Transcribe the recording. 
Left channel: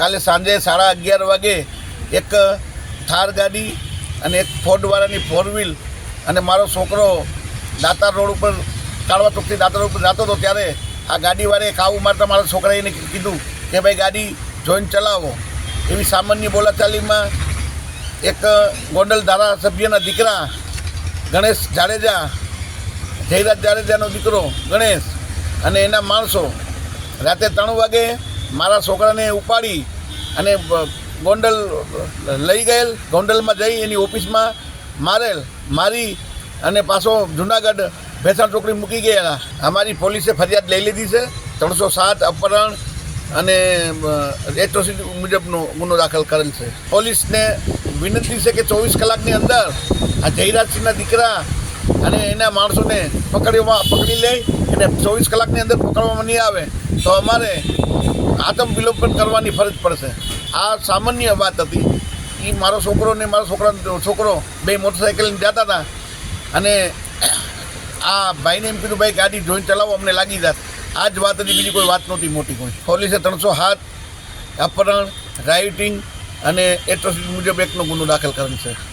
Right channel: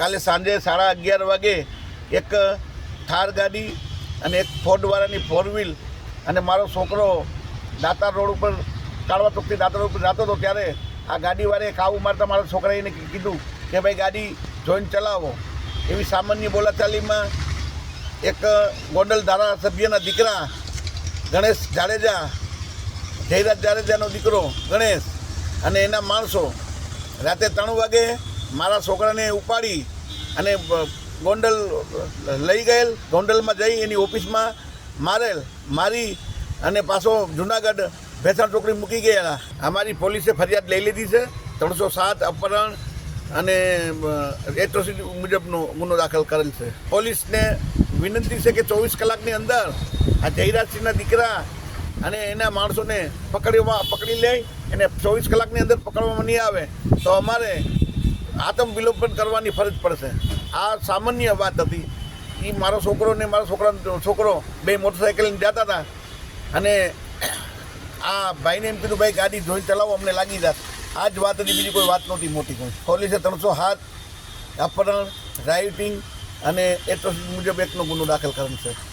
કાલે સાંજે 11:30 વાગે એક થાર ગાડી અને એક ફોર્ડવાળાની 4 વ્હીલ અને મારો છોકરો દાતાર રોડ ઉપર કાળવા ચોકથી દાતાર રોડ ઉપર જતો હતો ત્યારે આ ગાડીવાળાએ કાબુ મારતા મારા છોકરાએ એને કીધું કે ભાઈ ગાડી જોઈને ચલાવો. એવી સામાન્ય બોલાચાલીમાં એક ગોંડલ ધારાસભ્યના દીકરા ગણેશ જાડેજા, જયરાજ જાડેજાનો દીકરો ગણેશ અને એના માણસો રાતે 3 વાગે મારા છોકરાને ઉપાડી અને ગોંડલ લઈ ગયેલ. ગોંડલમાં જઈ એની ઓફિસમાં મારી અને પાછો જુનાગઢ ભેસાણ ચોકડી મૂકી ગયેલા. અમારી પોલીસે ફરિયાદ લઈ લીધી છે. 307 અપહરણ અને એટ્રોસિટી મુજબનો ગુનો દાખલ કરેલ છે. પોલીસને વિનંતી છે કે 24 કલાકની અંદર આ જયરાજસિંહના દીકરા અને એના માણસોને પકડી લે. એને 24 કલાકની અંદર પકડવામાં નહીં આવે તો અમારે આત્મવિલોપન કરવાની ફરજ પડશે. આ સામાન્ય વાત હતી. એ મારો છોકરો ને મારો છોકરો બે મોટરસાઇકલ જતા હતા અને આ ભાઈને એમ કીધું ભાઈ ગાડી જોઈને ચલાવો, અમને લાગી જાત. આ જ વાત હતી, બીજી કોઈ વાત નહોતી મોટી કોઈ. પોલીસે 307 અપહરણ, રાઇટિંગ અને એટ્રોસિટી મુજબ 1નો ગુનો દાખલ કરેલ છે.